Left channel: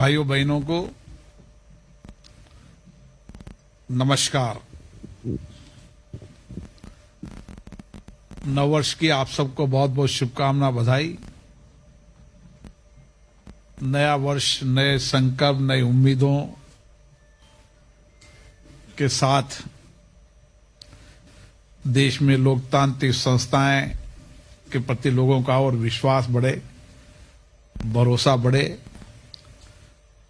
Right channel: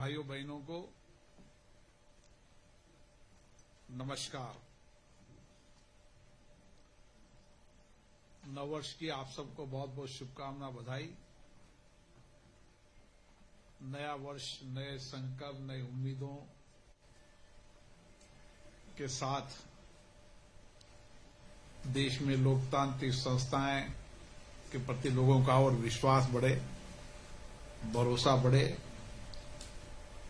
भाइयों बहनों को नमस्कार। नववर्ष की आप सबको बहुत बहुत शुभकामना, बधाई। नया वर्ष नए संकल्प, नई उम्मीदों के साथ देश में लोकतांत्रिक संस्थाएं के प्रति लोगों का और विश्वास बढ़े, भरोसा बढ़े,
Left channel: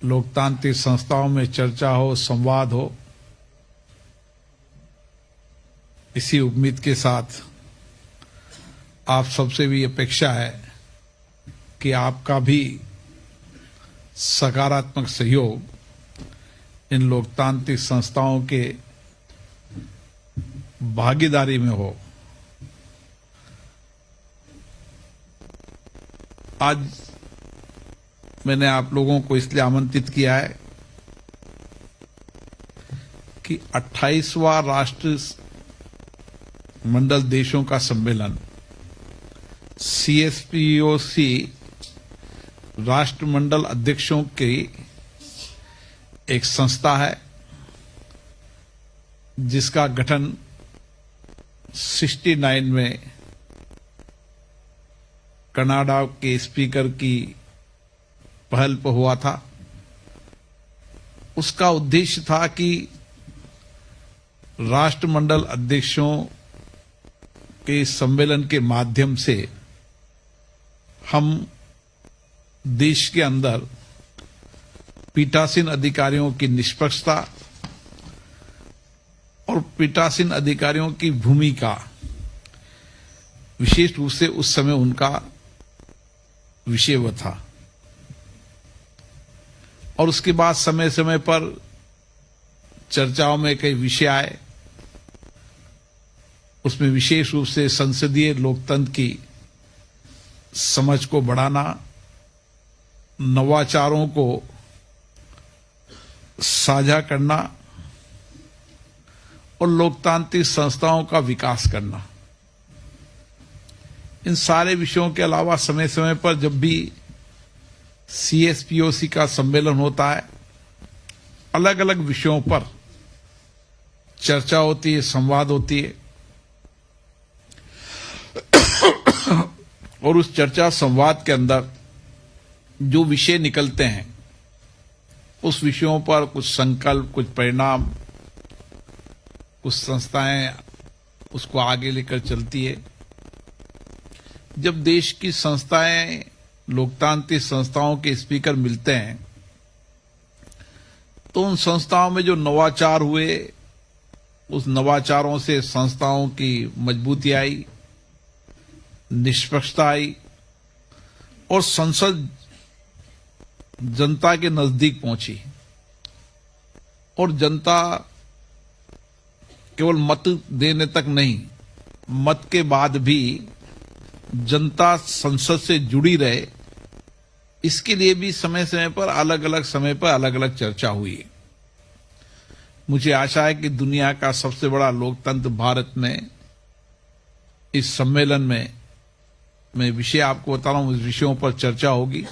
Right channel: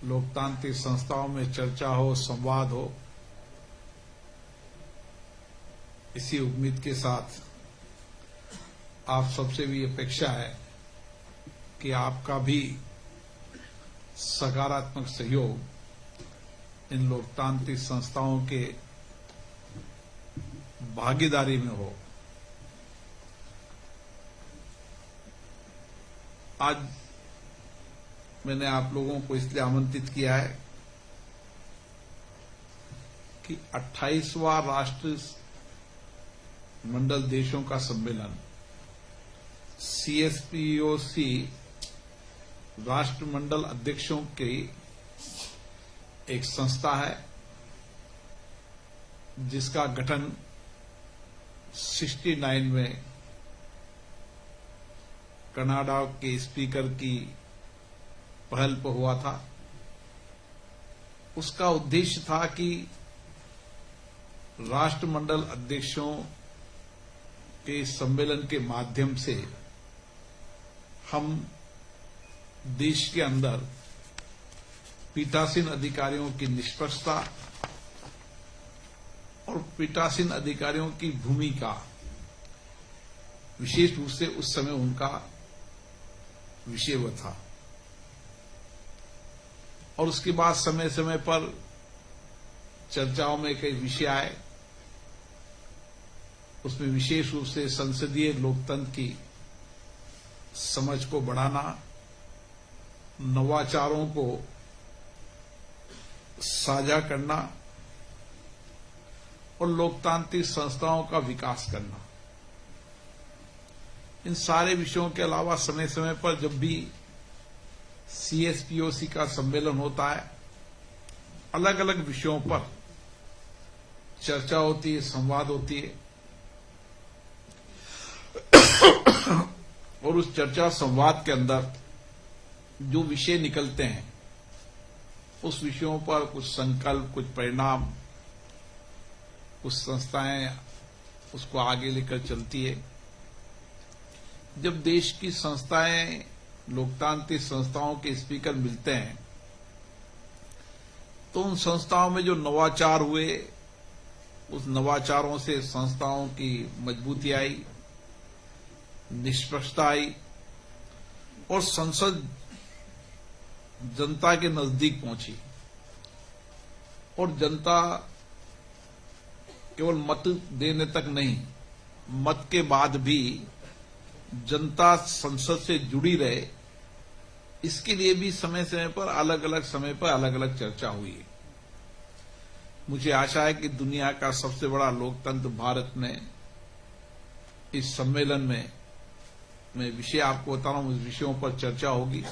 लोकतांत्रिक संस्थाओं में चर्चा हो, संवाद हो। इसी उम्मीद के साथ आप सबसे भी अपेक्षा है कि आपका भी सकारात्मक सहयोग इन लोकतांत्रिक संस्थाओं के भागीदारी में हो। आज मैंने आप लोगों को इसलिए आमंत्रित किया है कि 28वां राष्ट्र मंडल देशों का सम्मेलन CSPOC राष्ट्रमंडल अध्यक्षों की एक संस्था है जिसका गठन 69 में कनाडा के स्पीकर की पहल पर हुआ था। उसका उद्देश्य था कि राष्ट्रमंडल अध्यक्षों के सम्मेलन के माध्यम से हम देश के अंदर पीठासीन अधिकारियों की निष्पक्षता और पीठासीन अधिकारियों की भूमिका, विशेष रूप से उस समय उनका विषय वो था, और उसके बाद समय समय पर चर्चाओं में कई विषय आए। उसमें विशेष रूप से संसदीय लोकतंत्र की समझ को बढ़ाना, नवाचारों को साझा करना और लोकतांत्रिक संस्थाओं का विकास करना। इन सारे विषयों के अलावा समय समय पर जब भी CSPOC का सम्मेलन होता है, अलग अलग विषयों पर चर्चा होती है, संवाद होती है, और उस चर्चा संवाद के अंदर जो विषय निकलते हैं, उस विषयों पर कुछ संकल्प, कुछ परिणाम, कुछ संस्थाएं उसको आगे लेकर चलती है। जब देश की संस्थाएं, लोकतांत्रिक संस्थाओं के स्पीकर मिलते हैं तो उन संस्थाओं में जो नवाचार हुए, उस नवाचारों से संस्थाओं की मजबूती आई, निष्पक्षता आई और संसद जनता के नजदीक पहुंची। और जनता केवल मत देने तक नहीं, मत के बाद भी जनता संसद से जुड़ी रहे, इसके लिए भी समय समय पर अलग अलग चर्चा हुई है। मुझे आशा है कि दुनिया का सबसे बड़ा लोकतंत्र भारत में इस सम्मेलन में, मैं विषय आपको बता रहा हूं, इस विषयों पर चर्चा होगी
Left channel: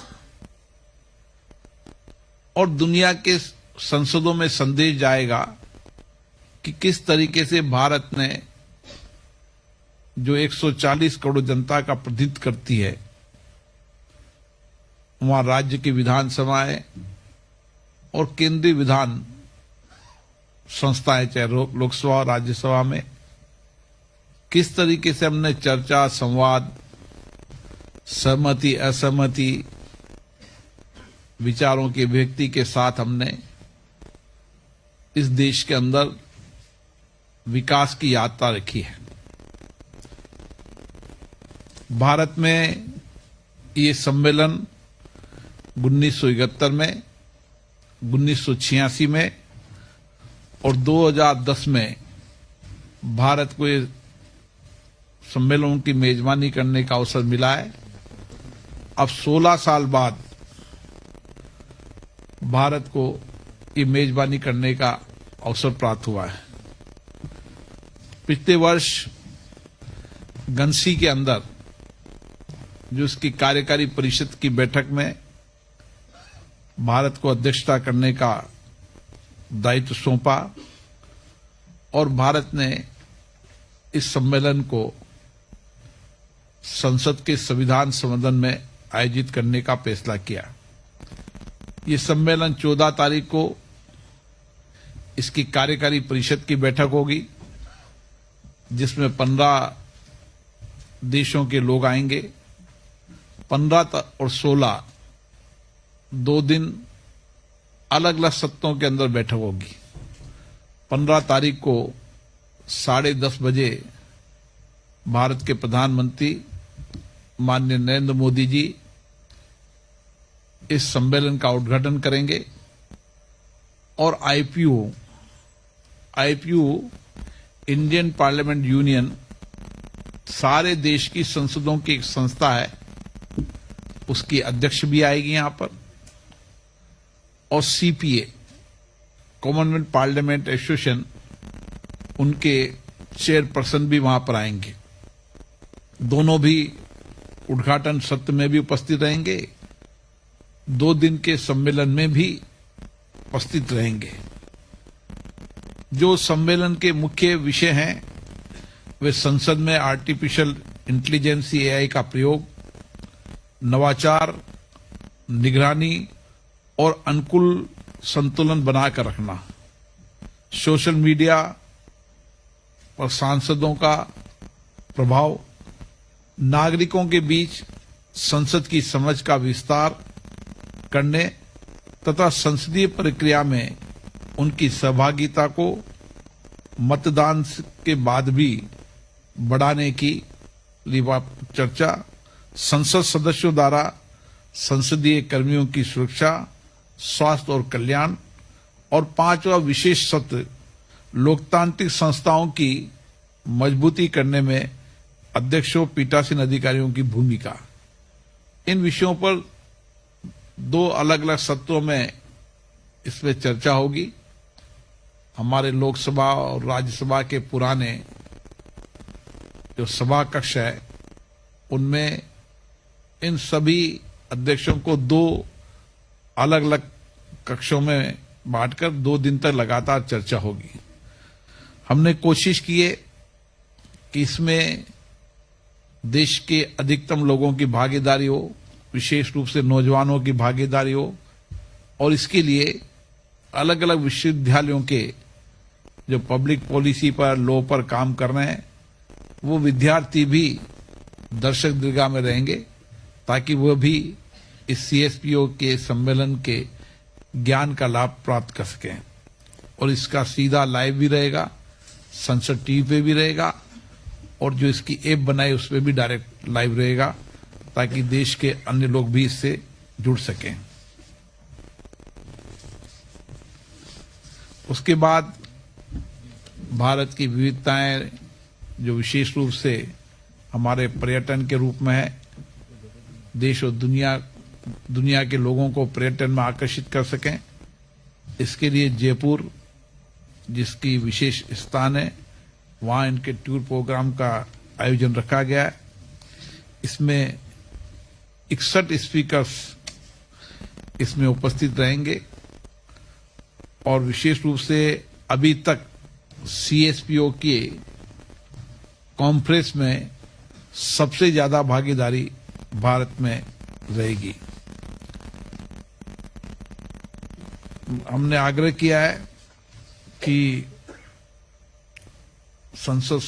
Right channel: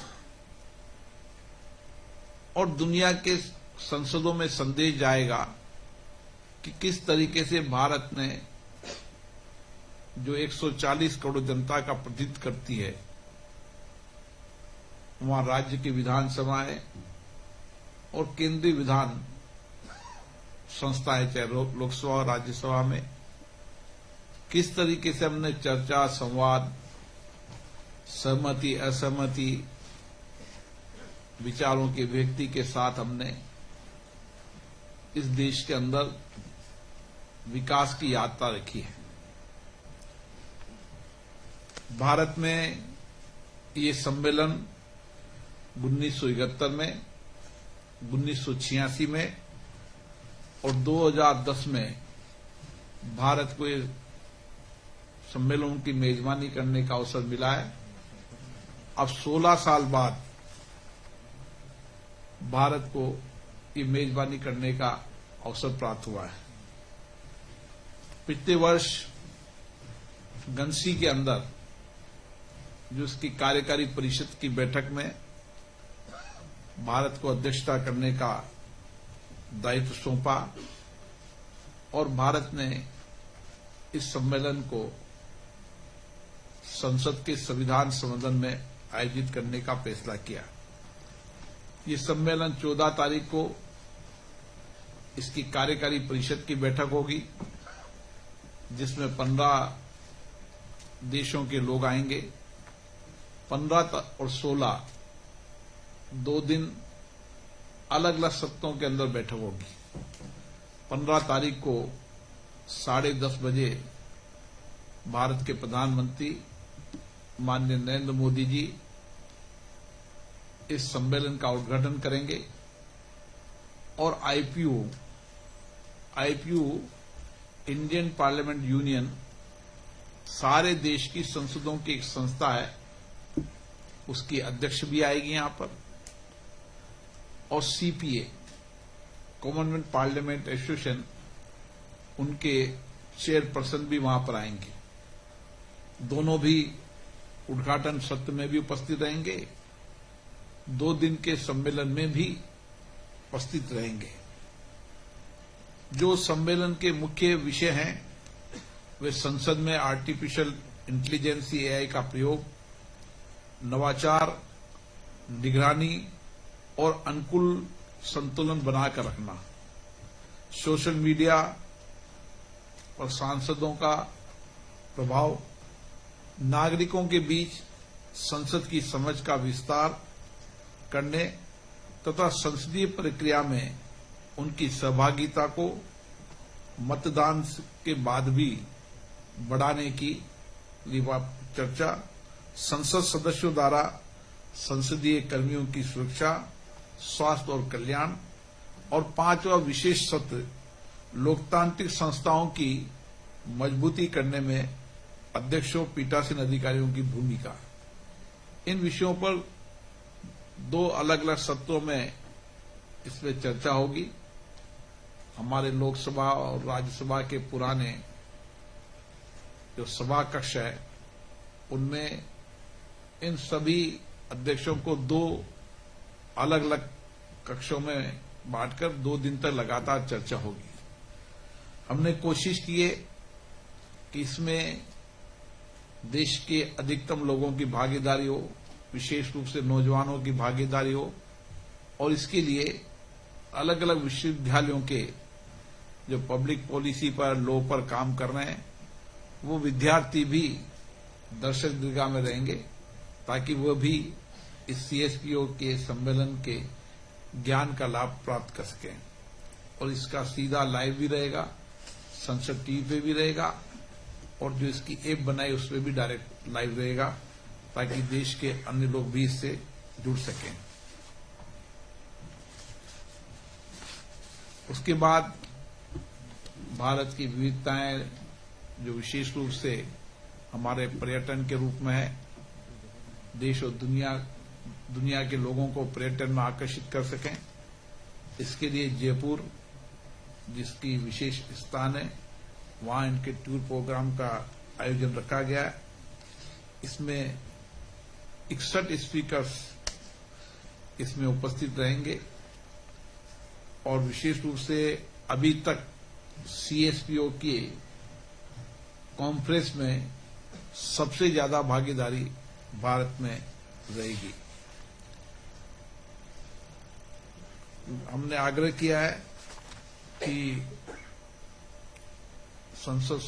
और दुनिया के संसदों में संदेश जाएगा कि किस तरीके से भारत ने, जो 140 करोड़ जनता का प्रतिनिधित्व करती है, वहां राज्य की विधानसभाएं और केंद्रीय विधान संस्थाएं, चाहे लोकसभा और राज्यसभा में, किस तरीके से हमने चर्चा, संवाद, सहमति, असहमति, विचारों की अभिव्यक्ति के साथ हमने इस देश के अंदर विकास की यात्रा रखी है। भारत में ये सम्मेलन 1971 में, 1986 में और 2010 में भारत को ये सम्मेलन की मेजबानी करने का अवसर मिला है। अब 16 साल बाद भारत को ये मेजबानी करने का अवसर प्राप्त हुआ है। पिछले वर्ष गंसी के अंदर जो उसकी कार्यकारी परिषद की बैठक में भारत को अध्यक्षता करने का दायित्व सौंपा और भारत ने इस सम्मेलन को संसद के संविधान सदन में आयोजित करने का फैसला किया। ये सम्मेलन 14 तारीख को इसकी कार्यकारी परिषद की बैठक होगी, जिसमें 15 देशों के लोग आएंगे। 15 और 16 2 दिन अलग अलग सत्रों के अंदर बैठक होगी। 15 तारीख को 10:30 बजे भारत के प्रधानमंत्री माननीय नरेंद्र मोदी जी इस सम्मेलन का उद्घाटन करेंगे और आईपीयू इंडियन पार्लियामेंट यूनियन सारे देश की संसदों की एक संस्था है, उसकी अध्यक्ष भी आएगी यहां पर, और सीपीए कॉमनवेल्थ पार्लियामेंट एसोसिएशन उनके चेयरपर्सन भी वहां पर आएंगे। दोनों भी उद्घाटन सत्र में भी उपस्थित रहेंगे, 2 दिन के सम्मेलन में भी उपस्थित रहेंगे। जो सम्मेलन के मुख्य विषय हैं वे संसद में आर्टिफिशियल इंटेलिजेंस एआई का प्रयोग, नवाचार, निगरानी और अनुकूल संतुलन बनाकर रखना, सोशल मीडिया और सांसदों का प्रभाव, नागरिकों के बीच संसद की समझ का विस्तार करने तथा संसदीय प्रक्रिया में उनकी सहभागिता को मतदान के बाद भी बढ़ाने की चर्चा, संसद सदस्यों द्वारा संसदीय कर्मियों की सुरक्षा, स्वास्थ्य और कल्याण, और 5वां विशेष सत्र लोकतांत्रिक संस्थाओं की मजबूती करने में अध्यक्षों पीठासीन अधिकारियों की भूमिका। इन विषयों पर 2 अलग अलग सत्रों में इसमें चर्चा होगी। हमारे लोकसभा और राज्यसभा के पुराने जो सभा कक्ष है उनमें इन सभी अध्यक्षों को 2 अलग अलग कक्षों में बांटकर 2 दिन तक लगातार चर्चा होगी। हमने कोशिश की है कि इसमें देश के अधिकतम लोगों की भागीदारी हो, विशेष रूप से नौजवानों की भागीदारी हो, और इसके लिए अलग अलग विश्वविद्यालयों के जो पब्लिक पॉलिसी पर, लॉ पर काम कर रहे हैं वो विद्यार्थी भी दर्शक दीर्घा में रहेंगे, ताकि वह भी इस सीएसपीओ के सम्मेलन के ज्ञान का लाभ प्राप्त कर सकें। और इसका सीधा लाइव भी रहेगा, संसद टीवी पे भी रहेगा, और जो इसकी ऐप बनाई उसमें भी डायरेक्ट लाइव रहेगा, ताकि देश के अन्य लोग भी इससे जुड़ सकें। उसके बाद भारत की विविधताएं जो विशेष रूप से हमारे पर्यटन के रूप में है, देश और दुनिया के लोगों को पर्यटन में आकर्षित कर सकें, इसके लिए जयपुर जिसकी विशेष स्थान है वहां इनके टूर प्रोग्राम का आयोजन रखा गया है। इसमें 61 स्पीकर्स इसमें उपस्थित रहेंगे और विशेष रूप से अभी तक सीएसपीओ के कॉन्फ्रेंस में सबसे ज्यादा भागीदारी भारत में रहेगी। हमने आग्रह किया है कि संसद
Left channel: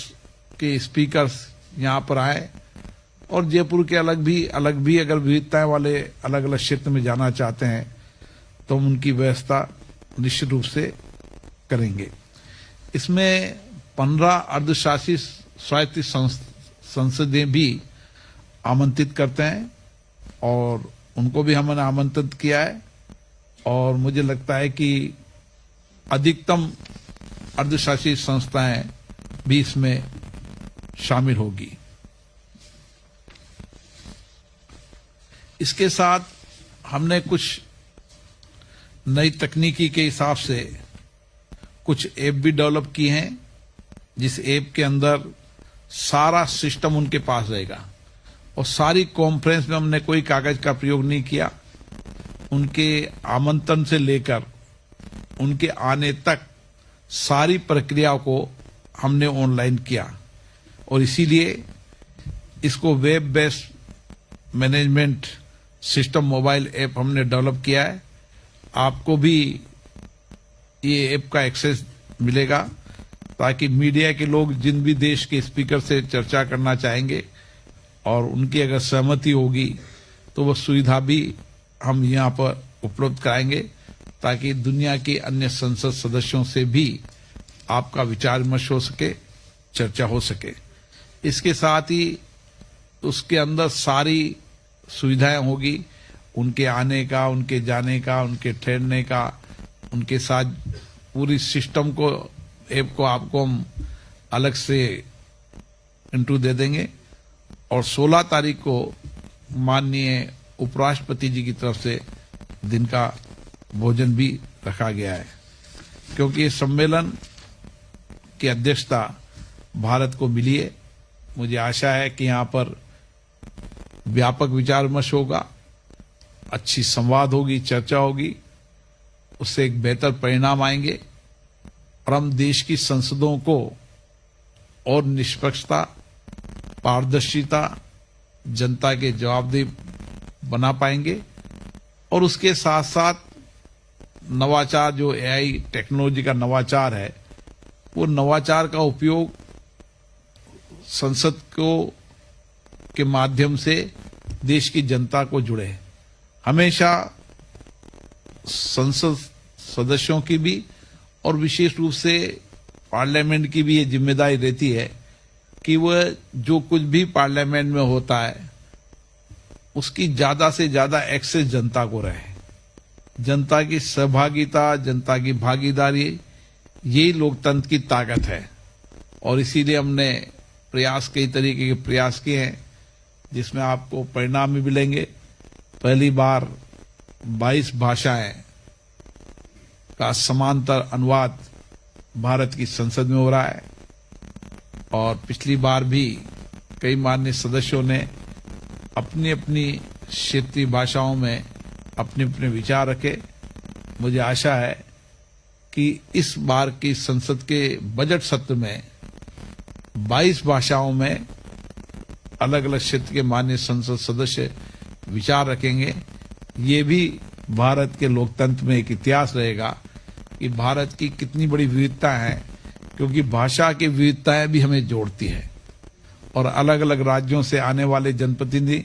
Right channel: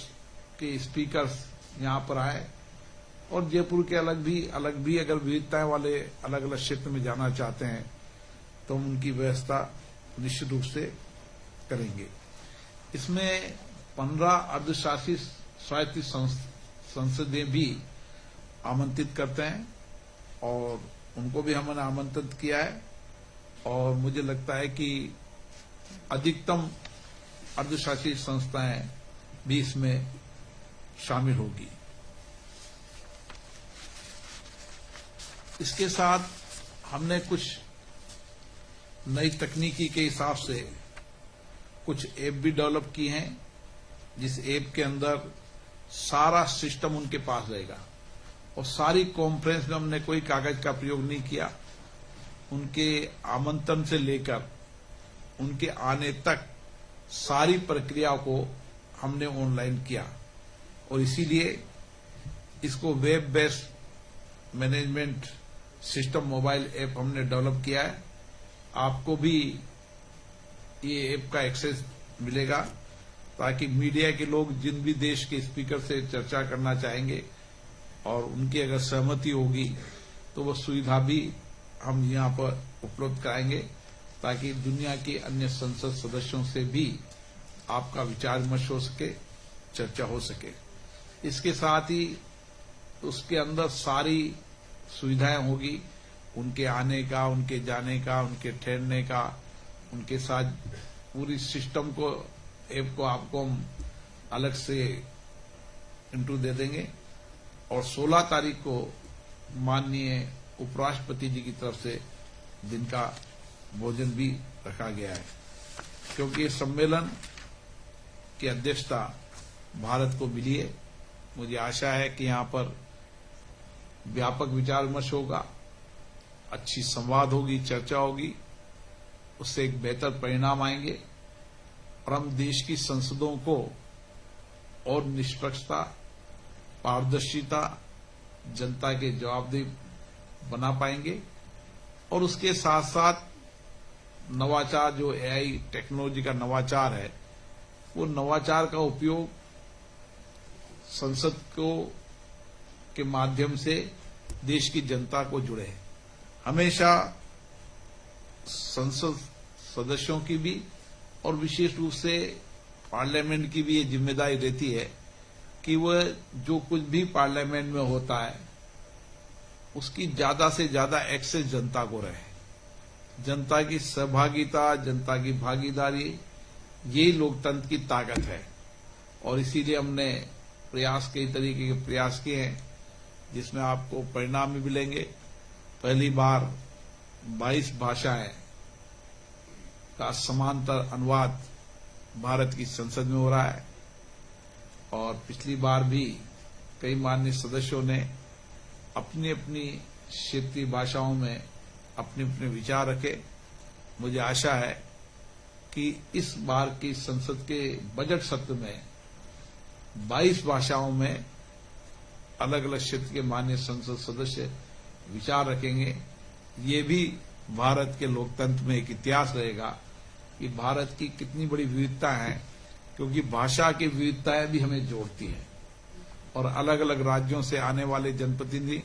के स्पीकर्स यहां पर आए और जयपुर के अलग भी अगर विविधताएं वाले अलग अलग क्षेत्र में जाना चाहते हैं तो हम उनकी व्यवस्था निश्चित रूप से करेंगे। इसमें 15 अर्धशासित स्वायत्त संसदें भी आमंत्रित करते हैं और उनको भी हमने आमंत्रित किया है, और मुझे लगता है कि अधिकतम अर्धशासित संस्थाएं भी इसमें शामिल होगी। इसके साथ हमने कुछ नई तकनीकी के हिसाब से कुछ ऐप भी डेवलप की हैं, जिस ऐप के अंदर सारा सिस्टम उनके पास रहेगा और सारी कॉन्फ्रेंस में हमने कोई कागज का प्रयोग नहीं किया। उनके आमंत्रण से लेकर उनके आने तक सारी प्रक्रिया को हमने ऑनलाइन किया और इसीलिए इसको web based management system mobile app हमने डेवलप किया है। आपको भी ये ऐप का एक्सेस मिलेगा ताकि मीडिया के लोग जिन भी देश के स्पीकर से चर्चा करना चाहेंगे और उनकी अगर सहमति होगी तो वह सुविधा भी हम यहाँ पर उपलब्ध कराएंगे ताकि दुनिया के अन्य संसद सदस्यों से भी आपका विचार विमर्श हो सके, चर्चा हो सके। इसके साथ ही उसके अंदर सारी सुविधाएं होगी, उनके आने का, उनके जाने का, उनके ठहरने का, उनके साथ पूरी सिस्टम को, ऐप को आपको हम अलग से इंट्रो दे देंगे। और 16 तारीख को माननीय उपराष्ट्रपति जी की तरफ से दिन का भोजन भी रखा गया है, क्योंकि सम्मेलन की अध्यक्षता भारत को मिली है। मुझे आशा है कि यहाँ पर व्यापक विचार विमर्श होगा, अच्छी संवाद होगी, चर्चा होगी, उससे एक बेहतर परिणाम आएंगे और हम देश की संसदों को और निष्पक्षता, पारदर्शिता, जनता के जवाबदेह बना पाएंगे। और उसके साथ साथ नवाचार, जो एआई टेक्नोलॉजी का नवाचार है, वो नवाचार का उपयोग संसद को के माध्यम से देश की जनता को जुड़े। हमेशा संसद सदस्यों की भी और विशेष रूप से पार्लियामेंट की भी ये जिम्मेदारी रहती है कि वह जो कुछ भी पार्लियामेंट में होता है उसकी ज्यादा से ज्यादा एक्सेस जनता को रहे। जनता की सहभागिता, जनता की भागीदारी, यही लोकतंत्र की ताकत है। और इसीलिए हमने प्रयास, कई तरीके के प्रयास किए हैं जिसमें आपको परिणाम भी मिलेंगे। पहली बार 22 भाषाएं का समांतर अनुवाद भारत की संसद में हो रहा है और पिछली बार भी कई माननीय सदस्यों ने अपनी अपनी क्षेत्रीय भाषाओं में अपने अपने विचार रखे। मुझे आशा है कि इस बार की संसद के बजट सत्र में 22 भाषाओं में अलग अलग क्षेत्र के माननीय संसद सदस्य विचार रखेंगे। ये भी भारत के लोकतंत्र में एक इतिहास रहेगा कि भारत की कितनी बड़ी विविधता है, क्योंकि भाषा की विविधताएं भी हमें जोड़ती है और अलग अलग राज्यों से आने वाले जनप्रतिनिधि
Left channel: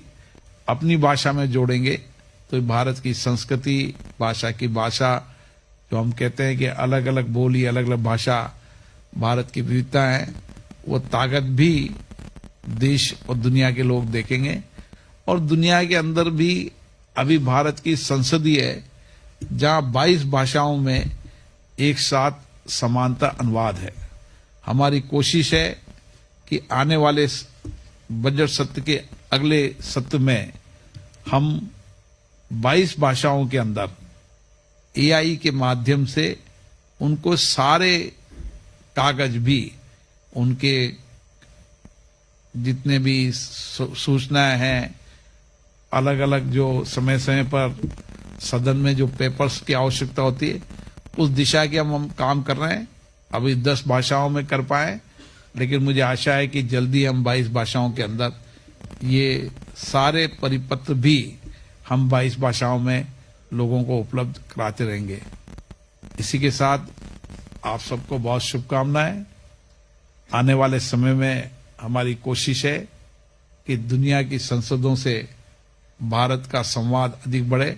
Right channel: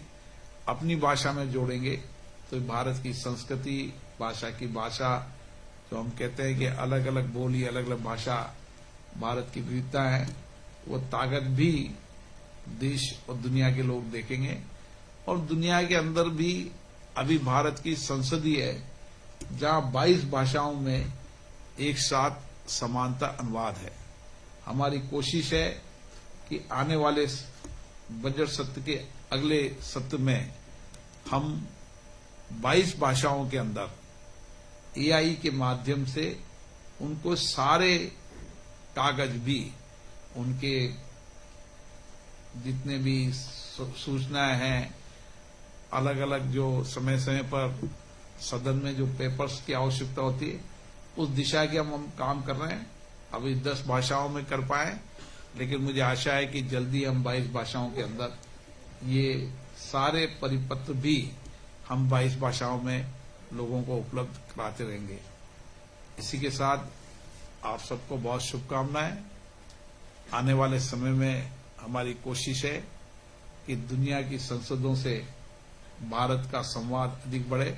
अपनी भाषा में जोड़ेंगे तो भारत की संस्कृति, भाषा की भाषा, जो हम कहते हैं कि अलग अलग बोली, अलग अलग भाषा, भारत की विविधता है, वो ताकत भी देश और दुनिया के लोग देखेंगे। और दुनिया के अंदर भी अभी भारत की संसदीय है जहां 22 भाषाओं में एक साथ समानता अनुवाद है। हमारी कोशिश है कि आने वाले बजट सत्र के अगले सत्र में हम 22 भाषाओं के अंदर एआई के माध्यम से उनको सारे कागज भी, उनके जितने भी सूचनाएं हैं, अलग अलग जो समय समय पर सदन में जो पेपर्स की आवश्यकता होती है, उस दिशा के हम काम कर रहे हैं। अभी 10 भाषाओं में कर पाए, लेकिन मुझे आशा है कि जल्दी हम 22 भाषाओं के अंदर ये सारे परिपत्र भी हम 22 भाषाओं में लोगों को उपलब्ध कराते रहेंगे। इसी के साथ आप सबको बहुत शुभकामनाएं। आने वाले समय में हमारी कोशिश है कि दुनिया की संसदों से भारत का संवाद अधिक बढ़े,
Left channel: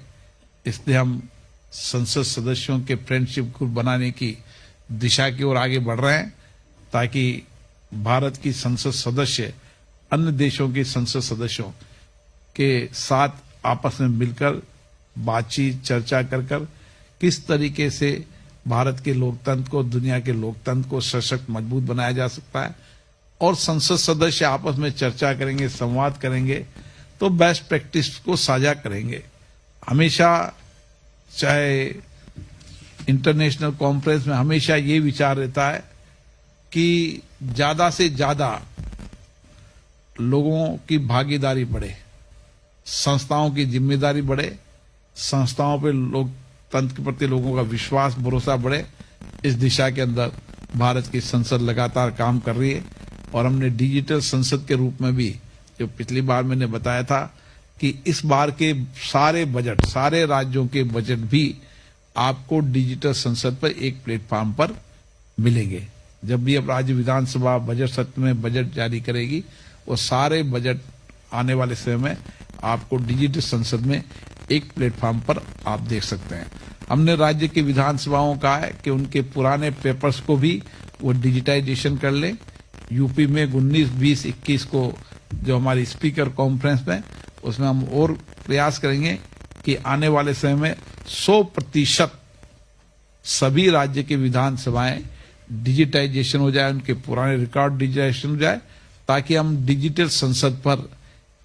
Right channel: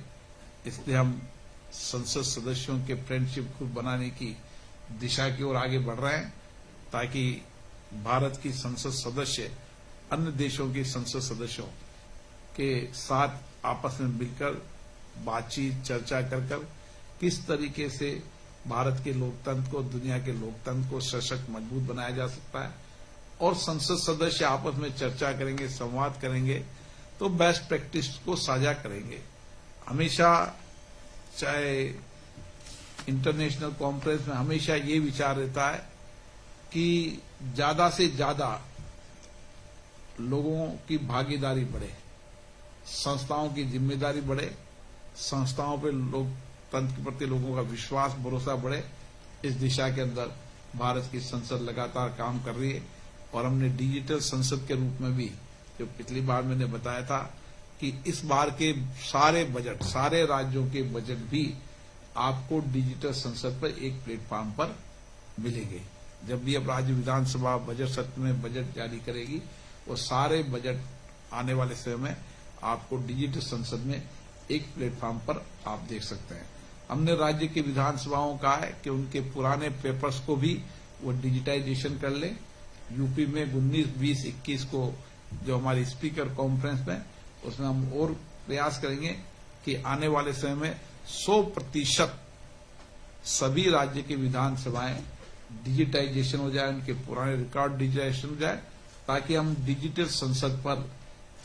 इसलिए हम संसद सदस्यों के फ्रेंडशिप ग्रुप बनाने की दिशा की ओर आगे बढ़ रहे हैं ताकि भारत की संसद सदस्य अन्य देशों के संसद सदस्यों के साथ आपस में मिलकर बातचीत, चर्चा कर किस तरीके से भारत के लोकतंत्र को, दुनिया के लोकतंत्र को सशक्त, मजबूत बनाया जा सकता है। और संसद सदस्य आपस में चर्चा करेंगे, संवाद करेंगे तो बेस्ट प्रैक्टिस को साझा करेंगे। हमेशा चाहे इंटरनेशनल कॉन्फ्रेंस में हमेशा ये विचार रहता है कि ज्यादा से ज्यादा लोगों की भागीदारी बढ़े, संस्थाओं की जिम्मेदारी बढ़े, संस्थाओं पे लोकतंत्र के प्रति लोगों का विश्वास भरोसा बढ़े, इस दिशा के अंदर भारत की संसद लगातार काम कर रही है। और हमने डिजिटल संसद के रूप में भी, जो पिछली बार मैंने बताया था कि इस बार के सारे बजट, सारे राज्यों के बजट भी आपको डिजिटल संसद पर एक प्लेटफॉर्म पर मिलेंगे। जब भी अब राज्य विधानसभा बजट सत्र में बजट जारी करेगी, वो सारे बजट आने वाले समय में आपको डिजिटल संसद में एक प्लेटफॉर्म पर आप देख सकते हैं। हमने राज्य की विधानसभाओं का है कि उनके पुराने पेपर्स को भी वो डिजिटाइजेशन कर लें। यूपी में 19, 20, 21 को जो हमारी स्पीकर कॉन्फ्रेंस में, उसमें हम और प्रयास करेंगे कि आने वाले समय में 100% सभी राज्य की विधानसभाएं डिजिटाइजेशन हो जाए, उनके पुराने रिकॉर्ड डिजिटाइजेशन हो जाए, ताकि हम डिजिटल संसद पर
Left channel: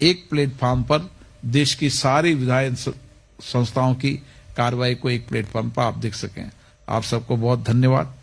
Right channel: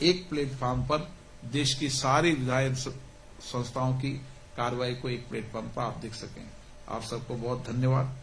एक प्लेटफॉर्म पर देश की सारी विधायन संस्थाओं की कार्रवाई को एक प्लेटफॉर्म पर आप देख सकें। आप सबको बहुत धन्यवाद।